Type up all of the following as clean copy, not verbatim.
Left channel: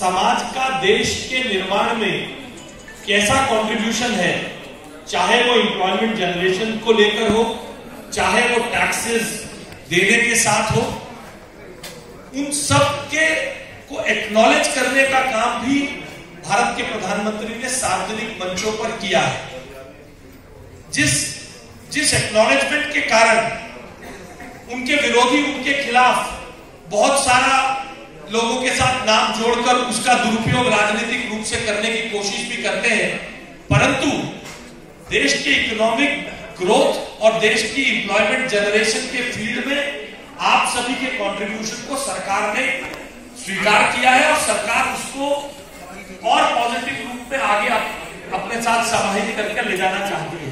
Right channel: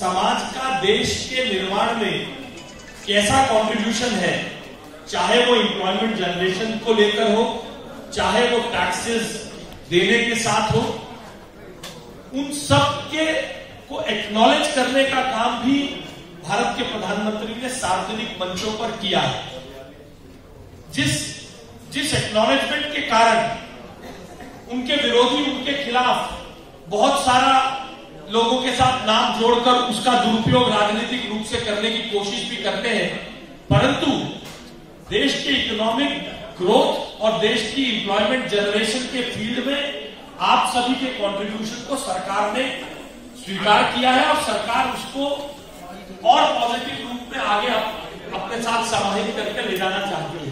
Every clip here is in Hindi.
समाज का देश के निर्माण में कैसा कंट्रीब्यूशन है, चाहे वो एम्प्लॉयमेंट जनरेशन को लेकर हो, चाहे वो टैक्सेस देने के साथ हो, उन सब के को एक्नॉलेज करने का काम भी भारत के प्रधानमंत्री ने सार्वजनिक मंचों पर किया है। जिस एक्नॉलेजमेंट के कारण उनके विरोधी उनके खिलाफ बहुत सारा लोगों के साथ नाम जोड़कर उसका दुरुपयोग राजनीतिक रूप से करने की कोशिश भी करते हैं, परंतु देश के इकोनॉमिक ग्रोथ और देश की एम्प्लॉयमेंट जनरेशन के फील्ड में आप सभी के कंट्रीब्यूशन को सरकार ने स्वीकार किया है और सरकार उसको और पॉजिटिव रूप में आगे अपने साथ समाहित करके ले जाना चाहती है।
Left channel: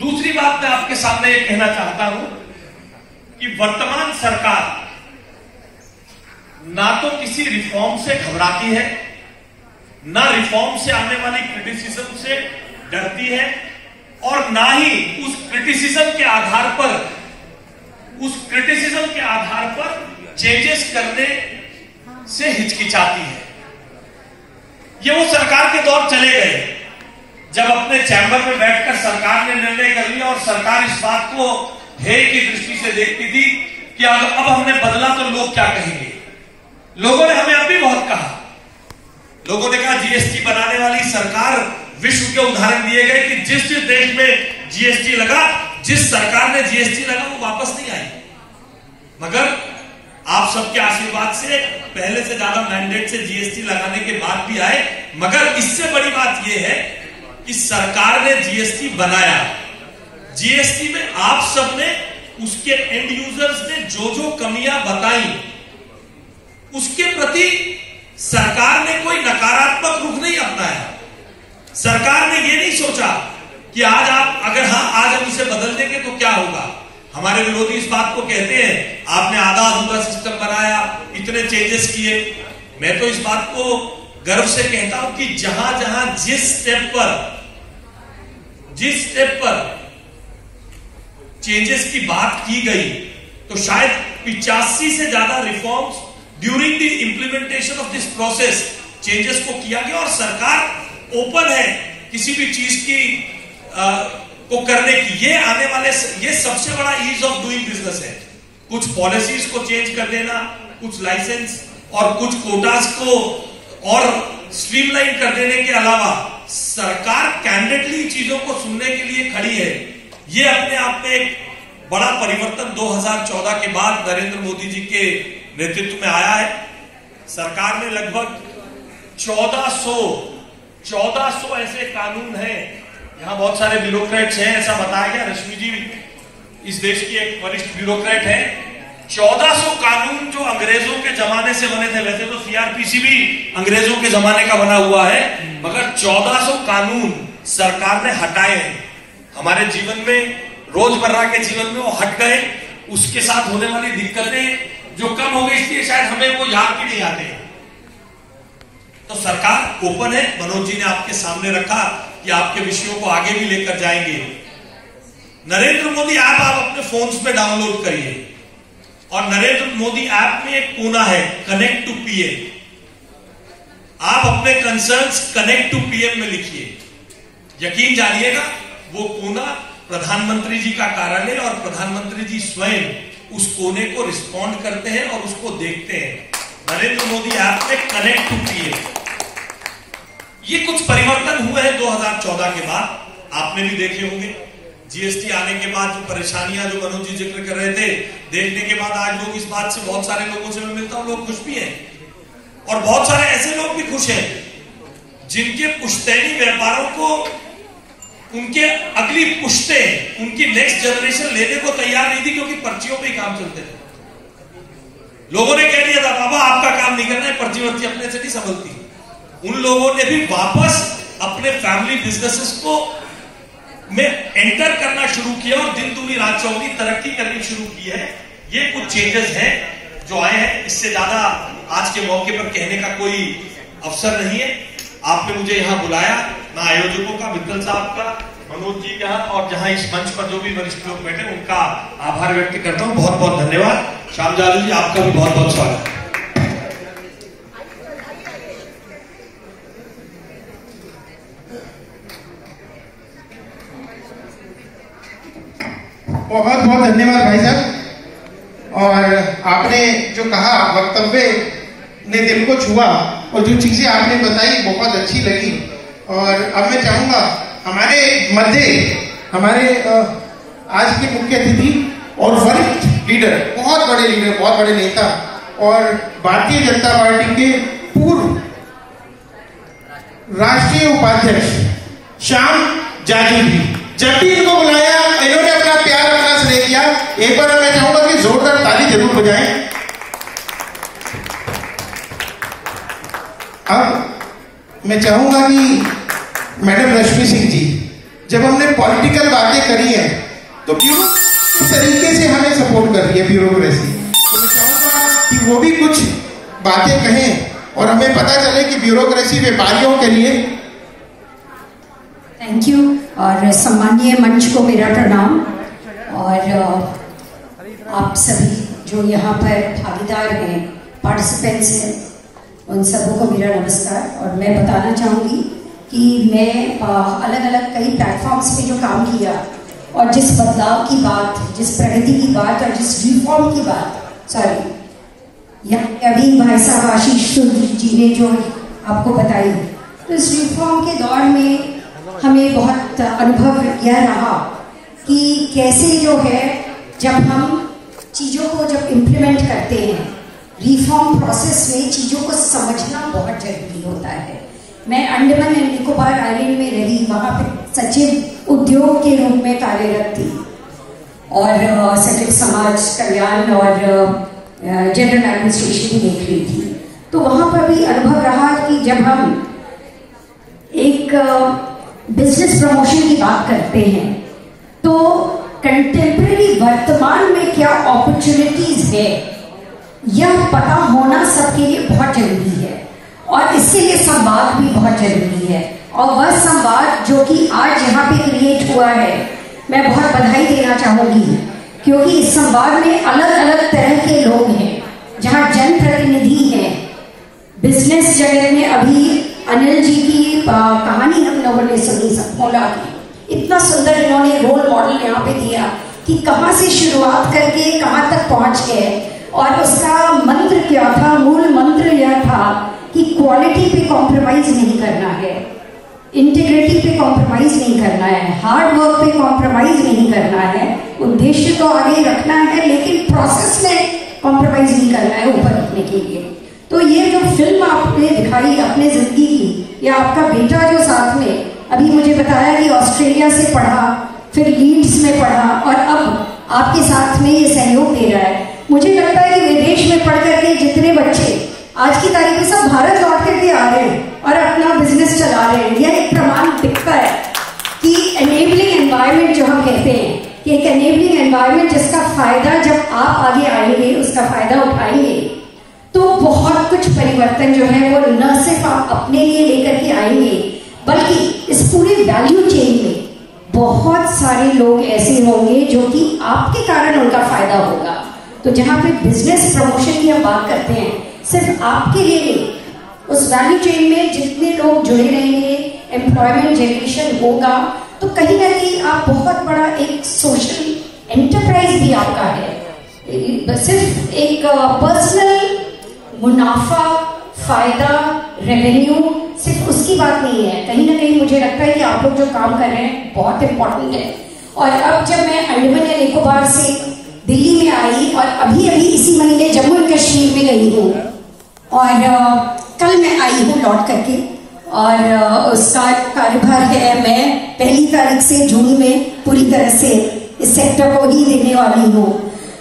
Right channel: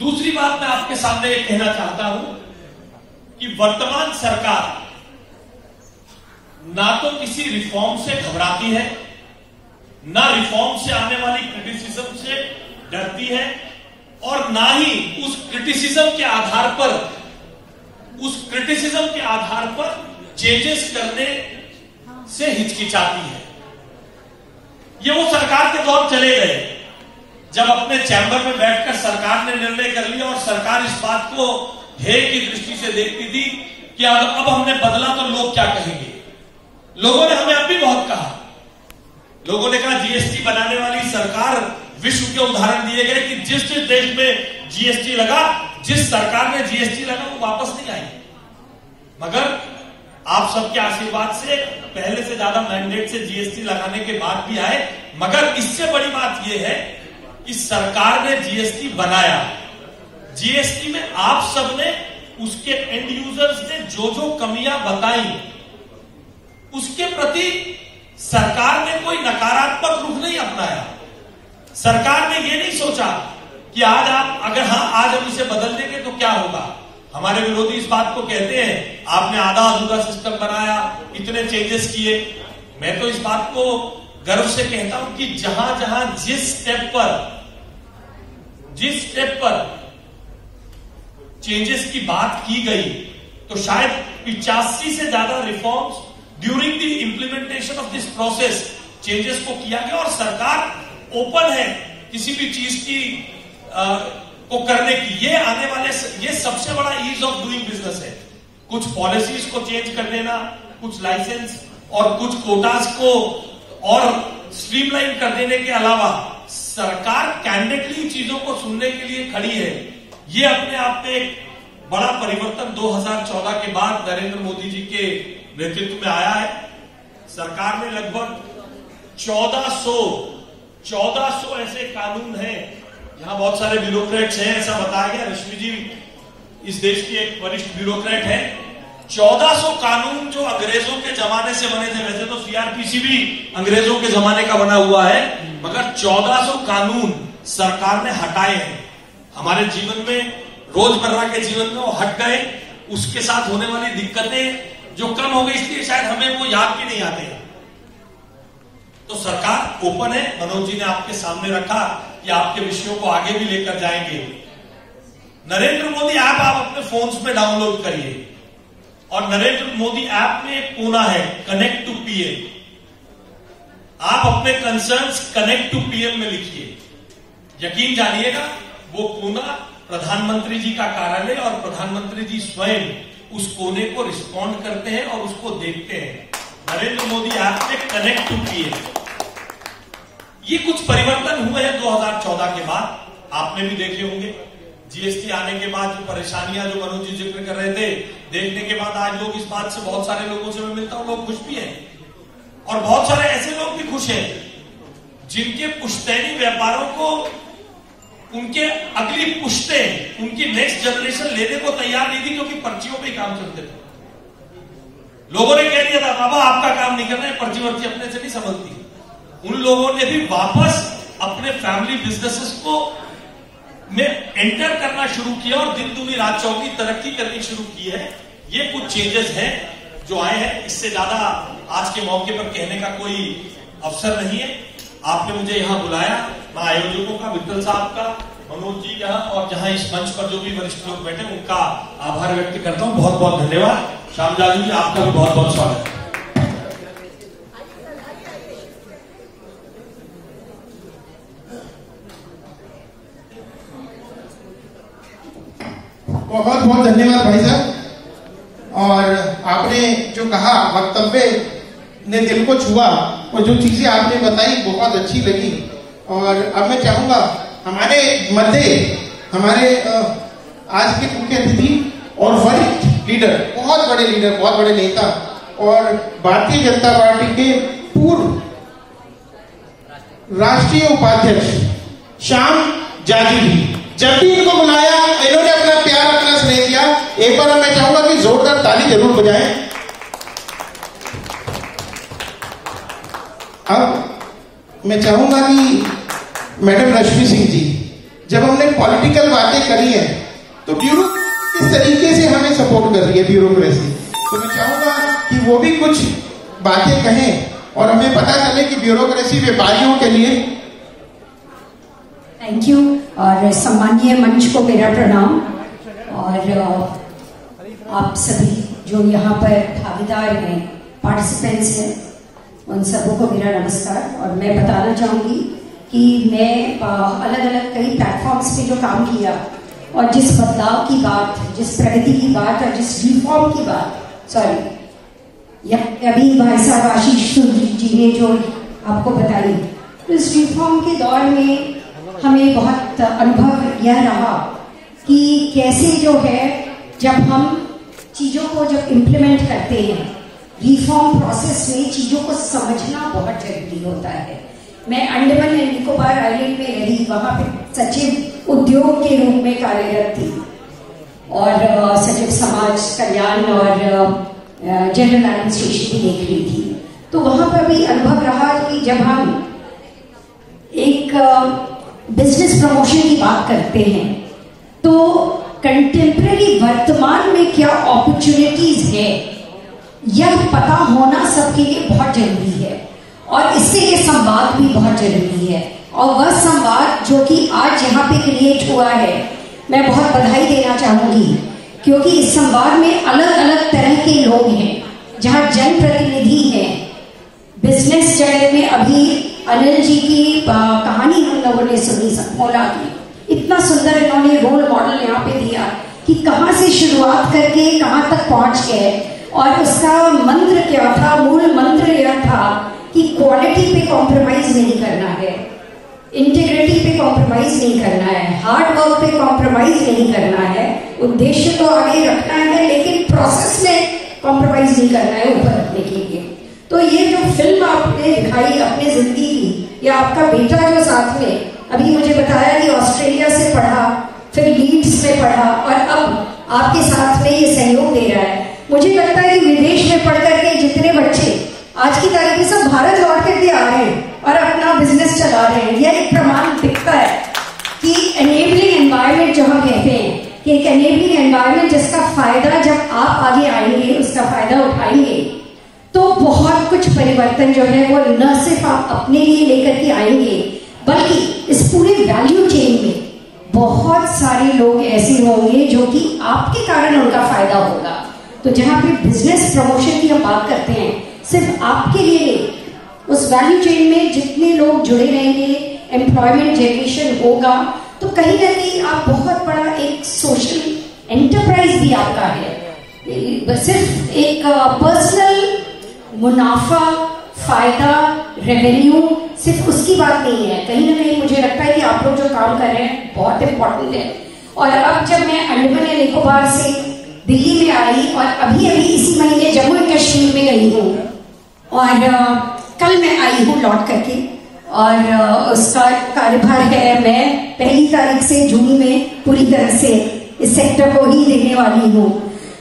दूसरी बात मैं आपके सामने ये कहना चाहता हूं कि वर्तमान सरकार ना तो किसी रिफॉर्म से घबराती है, ना रिफॉर्म से आने वाली क्रिटिसिज्म से डरती है, और ना ही उस क्रिटिसिज्म के आधार पर चेंजेस करने से हिचकिचाती है। ये वो सरकार के दौर चले गए जब अपने चैम्बर में बैठकर सरकार ने निर्णय कर लिया और सरकार इस बात को हेय की दृष्टि से देखती थी कि अब हमने बदला तो लोग क्या कहेंगे। लोगों ने हमें अभी बहुत कहा, लोगों ने कहा जीएसटी बनाने वाली सरकार, विश्व के उदाहरण दिए गए कि जिस देश में जीएसटी लगा, जिस सरकार ने जीएसटी लगा वो वापस नहीं आई, मगर आप सबके आशीर्वाद से पहले से ज्यादा मैंडेट से जीएसटी लगाने के बाद भी आए। मगर इससे बड़ी बात यह है कि सरकार ने जीएसटी बनाया, जीएसटी में आप सबने उसके एंड यूजर्स ने जो जो कमियां बताई उसके प्रति सरकार ने कोई नकारात्मक रुख नहीं अपनाया। सरकार ने ये नहीं सोचा कि आज हम इसे बदल देंगे तो क्या होगा। हमारे विरोधी इस बात को कहते हैं आपने आधा अधूरा सिस्टम बनाया, इतने चेंजेस किए। मैं तो इस बात को गर्व से कहता हूं कि जहां जहां जिस स्टेप पर चेंजेस की बात की गई, तो शायद 85 से ज्यादा reforms during the implementation of this process changes को किया गया और सरकार ओपन है किसी भी चीज की को करने की। ये सबसे बड़ा ईज ऑफ डूइंग बिजनेस है। कुछ पॉलिसीज को चेंज कर देना, कुछ लाइसेंस और कुछ कोटास को और स्ट्रीमलाइन कर देने के अलावा सरकार कैंडिडेटली चीजों को सुनने के लिए खड़ी है। ये अपने आप में एक बड़ा परिवर्तन 2014 के बाद नरेंद्र मोदी जी के नेतृत्व में आया है। सरकार ने लगभग 1400 ऐसे कानून हैं। यहां बहुत सारे ब्यूरोक्रेट्स हैं, ऐसा बताया गया। रश्मि जी इस देश की एक वरिष्ठ ब्यूरोक्रेट है। 1400 कानून जो अंग्रेजों के जमाने से बने थे, वैसे तो सीआरपीसी भी अंग्रेजों के जमाने का बना हुआ है, मगर 1400 कानून सरकार ने हटाए हैं। हमारे जीवन में, रोजमर्रा के जीवन में वो हट गए। उसके साथ होने वाली दिक्कतें जो कम हो गई, इसलिए शायद हमें वो याद भी नहीं आते। तो सरकार ओपन है। मनोज जी ने आपके सामने रखा कि आपके विषयों को आगे भी लेकर जाएंगे। नरेंद्र मोदी ऐप आप अपने फोन्स में डाउनलोड करिए और नरेंद्र मोदी ऐप में एक कोना है कनेक्ट टू पीएम। आप अपने कंसर्न्स कनेक्ट टू पीएम में लिखिए। यकीन जानिएगा वो कोना प्रधानमंत्री जी का कार्यालय और प्रधानमंत्री जी स्वयं उस कोने को रिस्पॉन्ड करते हैं और उसको देखते हैं। नरेंद्र मोदी ऐप में कनेक्ट टू पीएम। ये कुछ परिवर्तन हुए हैं 2014 के बाद, आपने भी देखे होंगे। जीएसटी आने के बाद जो परेशानियां जो मनोज जी जिक्र कर रहे थे, देखने के बाद आज लोग इस बात से, बहुत सारे लोगों से मैं मिलता हूं, लोग खुश भी हैं और बहुत सारे ऐसे लोग भी खुश हैं जिनके पुश्तैनी व्यापारों को उनके अगली पुश्तें, उनकी नेक्स्ट जनरेशन लेने को तैयार नहीं थी, क्योंकि पर्चियों पे ही काम चलते थे। लोगों ने कह दिया था बाबा आपका काम नहीं करना है, पर्ची वर्ची अपने से नहीं संभलती। उन लोगों ने भी वापस अपने फैमिली बिजनेसेस को में एंटर करना शुरू किया और दिन दूनी रात चौगुनी तरक्की करनी शुरू की है। ये कुछ चेंजेस हैं जो आए हैं। इससे ज्यादा आज के मौके पर कहने का कोई अवसर नहीं है। आपने मुझे यहां बुलाया, मैं आयोजकों का, मित्तल साहब का, मनोज जी का और जहां इस मंच पर जो भी वरिष्ठ लोग बैठे उनका आभार व्यक्त करता हूं। बहुत बहुत धन्यवाद। श्याम जादू जी आपका भी बहुत बहुत स्वागत है। बहुत धन्यवाद भाई साहब। और आपने जो कहा वक्तव्य ने दिल को छुआ और जो चीजें आपने बताई बहुत अच्छी लगी। और अब मैं चाहूंगा हमारे मध्य हमारे आज के मुख्य अतिथि और वरिष्ठ लीडर, बहुत बड़े लीडर, बहुत बड़े नेता और भारतीय जनता पार्टी के पूर्व राष्ट्रीय उपाध्यक्ष श्याम जाजू जी, जब भी इनको बुलाया इन्होंने अपना प्यार, अपना स्नेह दिया। एक बार मैं चाहूंगा कि जोरदार ताली जरूर बजाएं। अब मैं चाहूंगा कि मैडम रश्मि सिंह जी, जब हमने पॉलिटिकल बातें करी है तो ब्यूरो किस तरीके से हमें सपोर्ट कर रही है ब्यूरोक्रेसी, तो मैं चाहूंगा कि वो भी कुछ बातें कहें और हमें पता चले कि ब्यूरोक्रेसी व्यापारियों के लिए। Thank you. और सम्मानीय मंच को मेरा प्रणाम और आप सभी जो यहाँ पर भागीदार हैं, पार्टिसिपेंट्स हैं, उन सबों को मेरा नमस्कार। और मैं बताना चाहूँगी कि मैं अलग अलग कई प्लेटफॉर्म्स पे जो काम किया और जिस बदलाव की बात, जिस प्रगति की बात और जिस रिफॉर्म की बात, अभी भाई साहब आशीष जी ने जो आपको बताई, तो इस रिफॉर्म के दौर में हमें बहुत अनुभव यह रहा कि कैसे जो है जब हम चीजों को जब इम्प्लीमेंट करते हैं रिफॉर्म प्रोसेस में, चीजों को समझना बहुत जरूरी होता है। मैं अंडमान एंड निकोबार आइलैंड में रही, वहां पे सचिव उद्योग के रूप में कार्यरत थी और सचिव समाज कल्याण और जनरल एडमिनिस्ट्रेशन भी देख रही थी। तो वहां पर भी अनुभव रहा कि जब हम एक बिजनेस प्रमोशन की बात करते हैं तो कंटेम्परेरी वर्तमान में क्या अपॉर्चुनिटीज है यह पता होना सबके लिए बहुत जरूरी है और इससे ये संवाद भी बहुत जरूरी है। और वह संवाद जो कि आज यहाँ पे क्रिएट हुआ है, मैं बहुत बधाई देना चाहूंगी, क्योंकि इस संवाद में अलग अलग तरह के लोग हैं, जहाँ जनप्रतिनिधि हैं, बिजनेस जगह में अभी अनिल जी की कहानी हम लोगों ने सुनी, सफोला की, इतना सुंदर इन्होंने रोल मॉडल यहाँ पे दिया कि कहाँ से शुरुआत करके कहाँ तक पहुंच गए। और उसका मंत्र क्या था? मूल मंत्र यह था कि क्वालिटी पे कॉम्प्रोमाइज नहीं करना है, इंटीग्रिटी पे कॉम्प्रोमाइज नहीं करना है, हार्ड वर्क पे कॉम्प्रोमाइज नहीं करना है, उद्देश्य तो आगे रखना है लेकिन प्रोसेस में कॉम्प्रोमाइज नहीं करना है ऊपर रखने के लिए। तो ये जो फिल्म आपने दिखाई अपने जिंदगी की, या आपका बेटा जो साथ में अभी मुझे बताया कि ऑस्ट्रेलिया से पढ़ा, फिर लीड्स में पढ़ा और अब आपके साथ में ये सहयोग दे रहा है। मुझे लगता है कि विदेश में पढ़ करके जितने बच्चे आज की तारीख में सब भारत लौट करके आ रहे हैं और अपना बिजनेस चला रहे हैं, यह एक प्रमाण दिखता है कि एनेबलिंग एनवायरमेंट जो हम कहते हैं कि एक एनेबलिंग एनवायरमेंट जिसका फायदा जब आप आगे आएंगे, उसका फायदा उठाएंगे, तो बहुत कुछ परिवर्तन जो है वो न सिर्फ आप अपने लिए लेकर के आएंगे बल्कि इस पूरे वैल्यू चेन में बहुत सारे लोग ऐसे होंगे जो कि आपके कारण उनका फायदा होगा। तो जहां पे बिजनेस प्रमोशन की हम बात करते हैं, सिर्फ आपके लिए नहीं, उस वैल्यू चेन में जितने लोग जुड़े रहेंगे, एम्प्लॉयमेंट जनरेशन होगा, तो कहीं ना कहीं आप बहुत बड़ा एक सोशल एंटरप्राइज भी आपका है। सिर्फ एक पर्सनल मुनाफा, फायदा, रेवेन्यू सिर्फ उसकी बात नहीं है। कहीं ना कहीं मुझे लगता है कि आप लोग जो काम कर रहे हैं बहुत इंपॉर्टेंट है। और अब जब मैं अंडमान एंड निकोबार से दिल्ली में आई और अभी इसी महीने जम्मू एंड कश्मीर में गई हूँ और कल मैं आई हूँ लौट करके, और उसका कार्यभार है, मैं 1 तारीख से जून में पूरी तरह से इस सेक्टर को ही लेने वाली हूँ।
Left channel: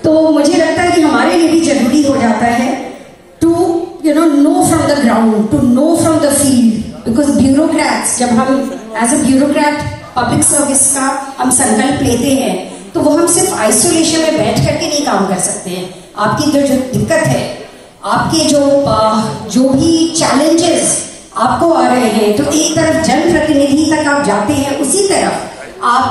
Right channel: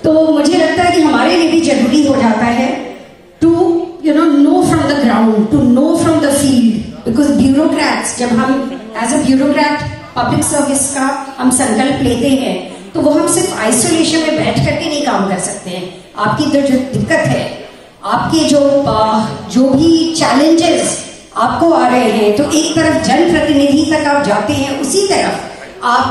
तो मुझे लगता है कि हमारे लिए भी जरूरी हो जाता है to know from the ground, to know from the field, because bureaucrats, जब हम as a bureaucrat public service का हम संकल्प लेते हैं तो वो हम सिर्फ आइसोलेशन में बैठ करके नहीं काम कर सकते हैं। आपकी जो दिक्कत है, आपके जो भी चैलेंजेस आपको आ रहे हैं, तो एक तरफ जनप्रतिनिधि तक आप जाते हैं, उसी तरफ आप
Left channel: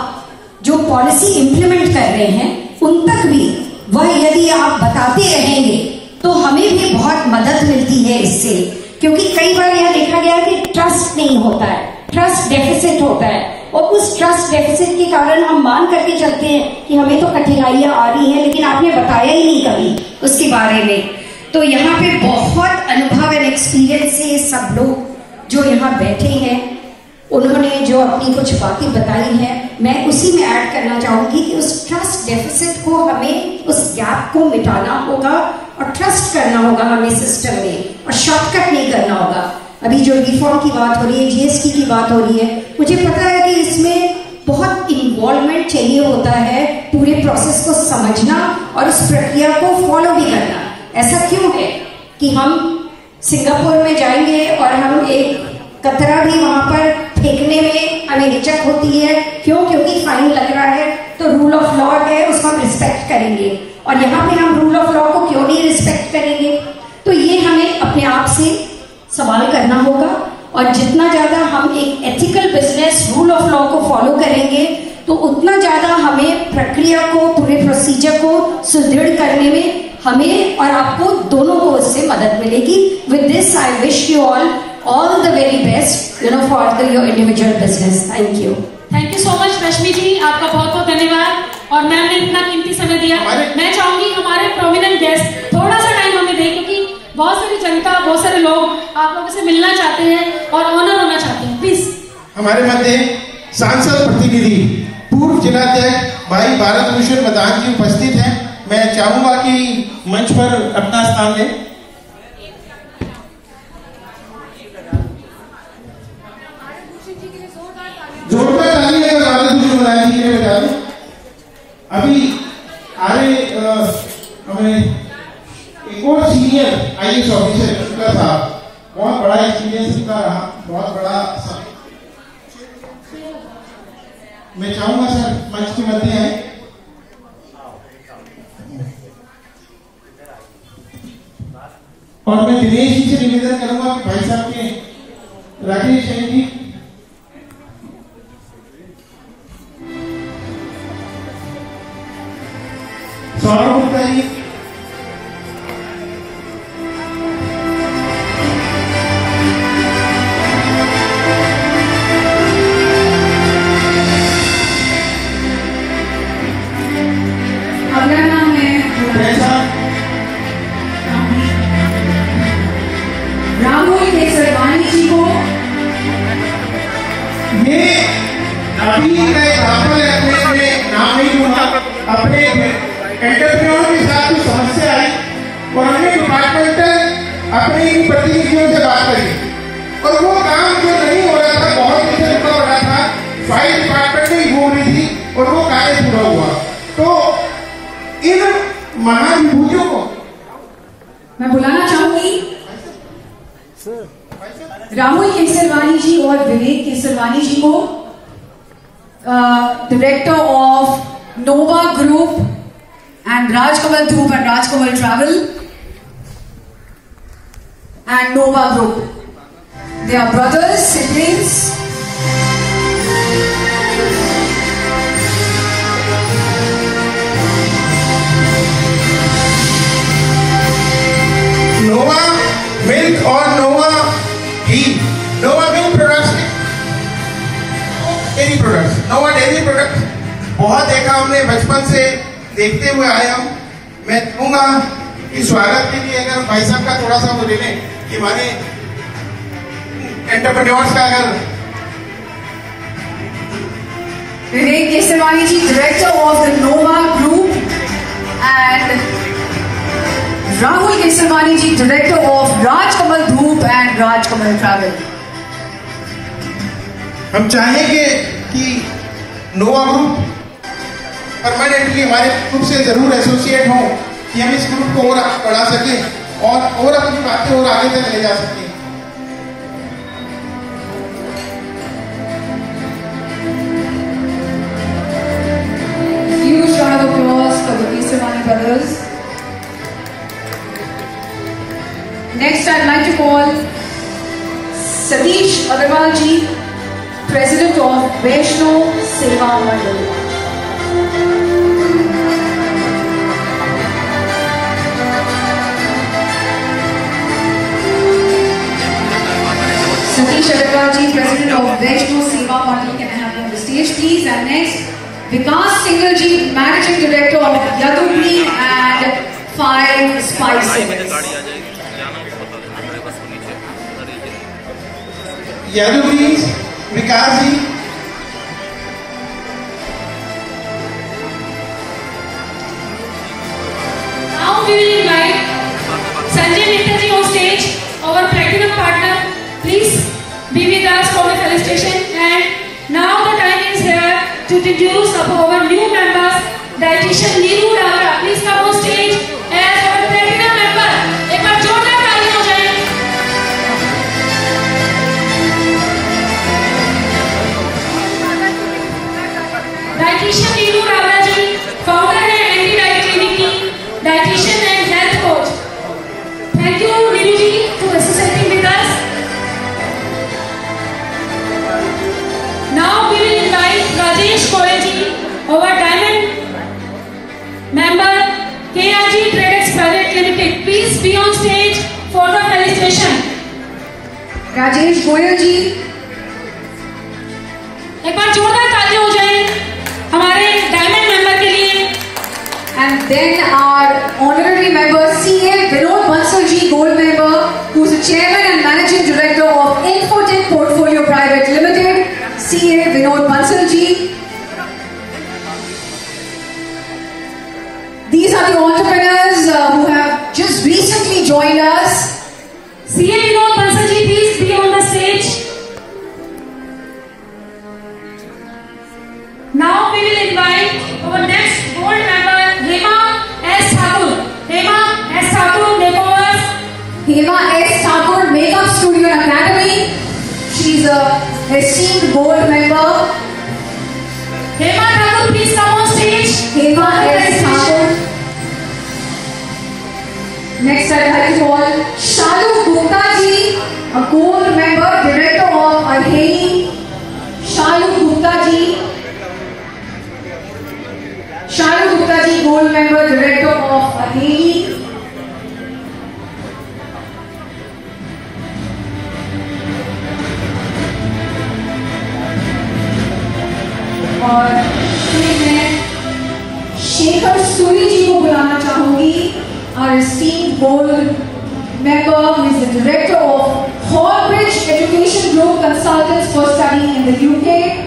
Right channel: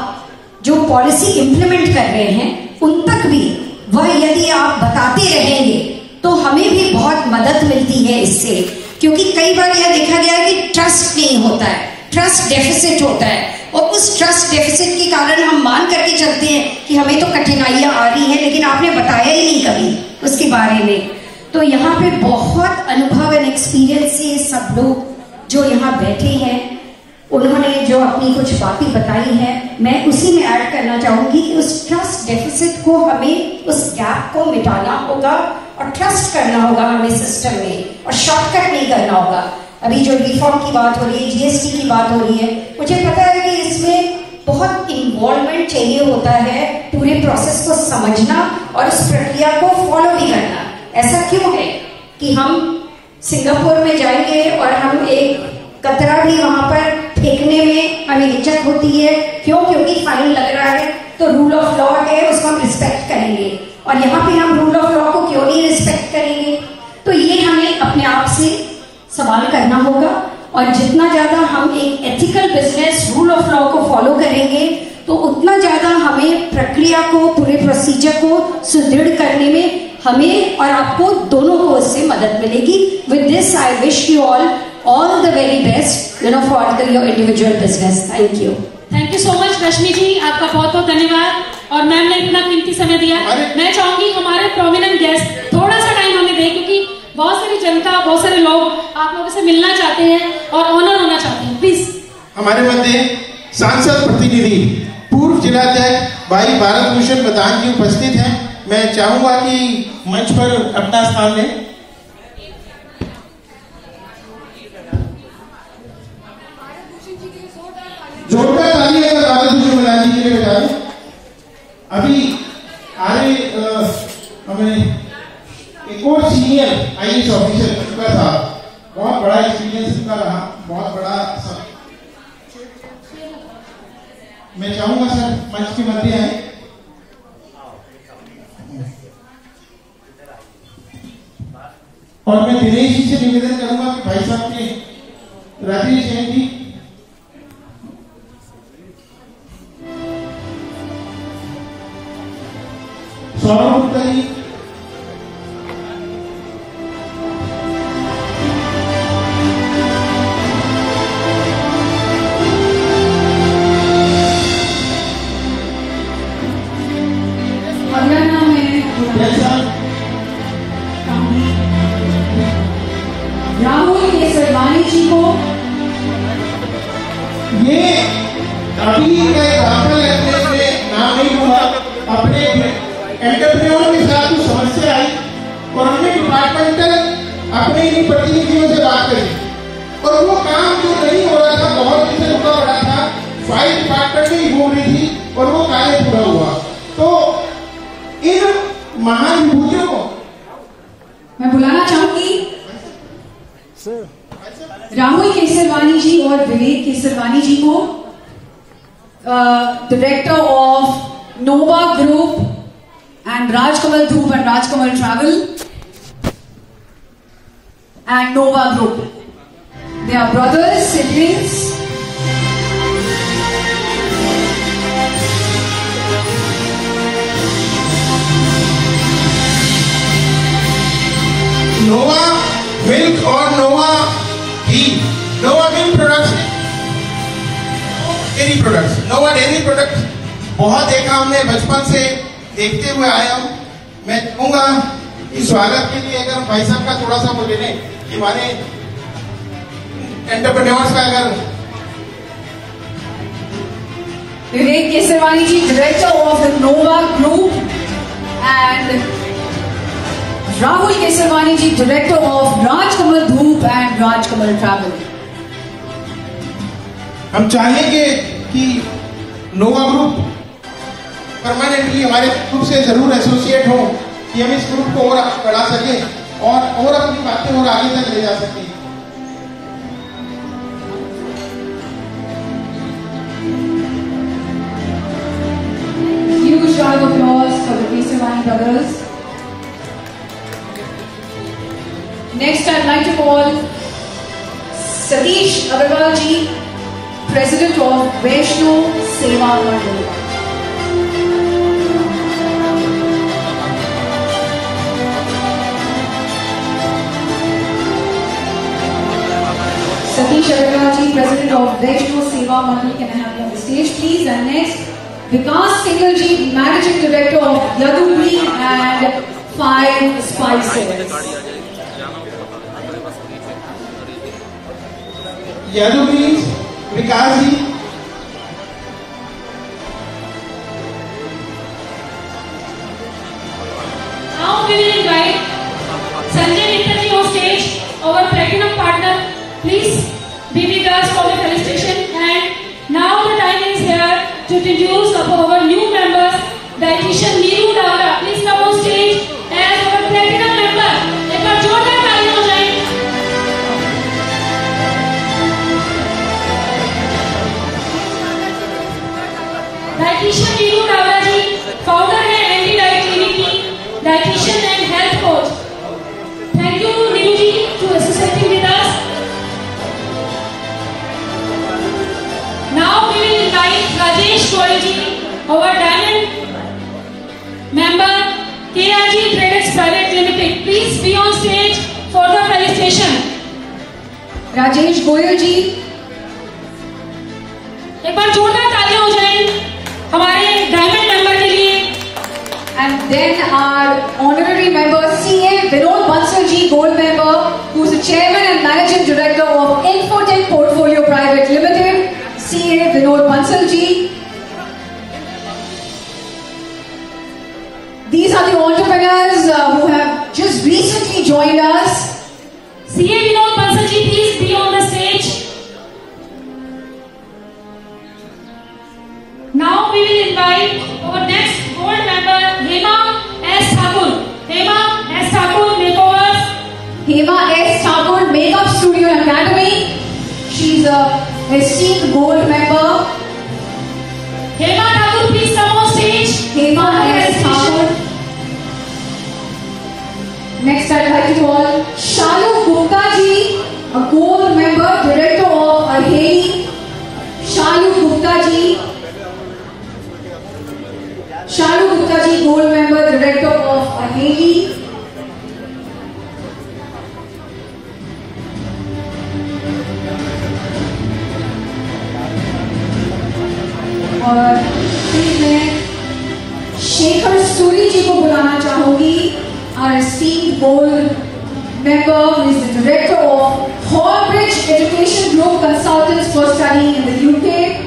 जो पॉलिसी इंप्लीमेंट कर रहे हैं उन तक भी वह यदि आप बताते रहेंगे तो हमें भी बहुत मदद मिलती है इससे। क्योंकि कई बार यह देखा गया है कि ट्रस्ट नहीं होता है, ट्रस्ट डेफिसिट होता है, और उस ट्रस्ट डेफिसिट के कारण हम मान करके चलते हैं कि हमें तो कठिनाइयां आ रही हैं, लेकिन आपने बताया ही नहीं कभी उसके बारे में। तो यहाँ पे बहुत अनुभव एंड एक्सपीरियंस से सब लोग जो यहाँ बैठे हैं, उन्होंने जो अपनी कुछ बातें बताई हैं, मैं उसी में ऐड करना चाहूंगी कि उस ट्रस्ट डेफिसिट को हमें, उस गैप को मिटाना होगा और ट्रस्ट करना होगा हमें सिस्टम में, और शॉर्टकट नहीं करना होगा। अभी जो रिफॉर्म की बात हो रही है, जीएसटी की बात हो रही है, मुझे पता है कि इसमें बहुत इन्वॉल्वमेंट चाहिए होता है, पूरे प्रोसेस को समझना और उस प्रक्रिया को फॉलो भी करना। ऐसा क्यों है कि हम सिंगापुर में जाएंगे और हम एक कतरा भी वहां पर फेंकने में हमें हिचक होती है, क्यों? क्योंकि फाइन लग रहा है, तो रूल ऑफ लॉ है, उसको हम रिस्पेक्ट करेंगे। और यहाँ पे हम रूल ऑफ लॉ को क्यों नहीं रिस्पेक्ट करेंगे? तो ये हमें अपने आप से सवाल करना होगा, और जितना ज्यादा हम एक ethical business rule of law को फॉलो करेंगे, तो उतना ज्यादा हमें प्रक्रिया को, पूरे प्रोसीजर को सुदृढ़ करने में हमें और आपको दोनों को उससे मदद मिलेगी। With this I wish you all the very best, for your individual business. Thank you. Thank you so much रश्मि जी, आपका बहुत बहुत धन्यवाद। और मैम ने इतना कीमती समय दिया। मैं चाहूंगी हमारे प्रोमिनेंट गेस्ट थोड़ा सा टाइम हमें दें, क्योंकि बहुत सारी जनता, बहुत सारे लोग आप लोगों से मिलना चाहते हैं और ऑनर होना चाहते हैं। प्लीज हमारे मध्य सांसद प्रतिनिधि पूर्व जिलाध्यक्ष भाई भारत भूषण मदान जी उपस्थित हैं। मैं चाहूंगा कि मंच पर अपना स्थान लें। जोरदार ताली है भारत भूषण मदान जी के लिए बता दूं। अभी आरे हमें एक और सीनियर आईएएस ऑफिसर चुका था, बहुत बड़ा एक्सपीरियंस इनका रहा, बहुत बड़ा मैं चाहूंगा सर मंच के मध्य आए। और मैं दिनेश जी से निवेदन करूंगा कि भाई साहब ने राजेश जैन जी, सौरभ गुप्ता जी, अगला नाम है राहुल केसरवानी जी को। ये अभी का एग्जाम्पल है, अपने नाम नहीं दूंगा, अपने एंटरप्रेन्योर के साथ जो समस्या आई, उन्होंने डिपार्टमेंटल अपने इन प्रतिनिधियों से बात करी, और वो काम जो नहीं हो रहा था, बहुत दिन से रुका पड़ा था, फाइल डिपार्टमेंट में ही हो रही थी, और वो कार्य पूरा हुआ। तो इन महाविभूतियों को मैं बुलाना चाहूंगी राहुल केसरवानी जी और विवेक केसरवानी जी को, director of Nova group and Rajkamal Dhruv and Rajkamal Travel and Nova Group. They are brothers, siblings. Nova milk और नोवा घी, नोवा मिल्क प्रोडक्ट्स, डेयरी प्रोडक्ट्स, नोवा डेयरी प्रोडक्ट्स बहुत देखा हमने, बचपन से देखते हुए आया हूं। मैं कहूंगा कि स्वागत के लिए अगर भाई साहब का थोड़ा सा बोले लें कि हमारे एंटरप्रेन्योर्स का अगर Vivek Kesarwani ji, director of the Nova group, and Rahul Kesarwani ji, director of Rajkamal Dhoop and Rajkamal travel. हम चाहेंगे कि नोवा ग्रुप परमानेंटली हमारे ग्रुप से जरूर एसोसिएट हो, कि हम इस ग्रुप को और बढ़ा सकें और अपनी बातें और आगे तक ले जा सकें। Huge round of applause for the Kesavan brothers. Next, I'd like to call Satish Agarwal ji, President of Vaishno Seva Mandal. Satish Agarwal ji, President of Vaishno Seva Mandal, can I have you on the stage, please. And next, Vikas Singhal ji, Managing Director of Yadu Green and Five Spices. Yadu Green, Vikas ji. Now we will invite Sanjay Mitra ji on stage, our platinum partner. Please be with us for the felicitation. And now the time is here to introduce our new members, dietitian Neeru Dalga. Please come on stage as our platinum member. एक बार जोरदार ताली हो जाए. Dietitian Neeru Dalga ji, founder है Anti Diet Clinic की, dietitian and health coach. Thank you Neeru ji to associating with us. Now we will invite Rajesh Goyal ji, our diamond member, KRG Traders Private Limited. Please be on stage for the felicitation. Rajesh Goyal ji. एक बार जोरदार तालियां हो जाए हमारे डायमंड मेंबर के लिए. And then our honorary member, CA Vinod Bansal ji, gold member, who's the chairman and managing director of Infotech Portfolio Private Limited. CA Vinod Bansal ji. These are the entrepreneurs who have just recently joined us. CA Vinod Bansal ji, please be on the stage. Now we will invite our next gold member, Hema S. Thakur. Hema S. Thakur Makeovers. Hema S. Thakur Makeup Studio and Academy. She's a esteemed gold member. Hema Thakur, please come on stage. Hema S. Thakur. Next, I'd like to all Shalu Gupta ji, a gold member, director of Aheli. Shalu Gupta ji. Shalu Gupta ji, gold member, director of Aheli. और फिर मैं शेखर सूरी जी को बुलाना चाहूंगी, our esteemed gold member who is the director of Hallbridge Education Group Consultants for Studying in the UK.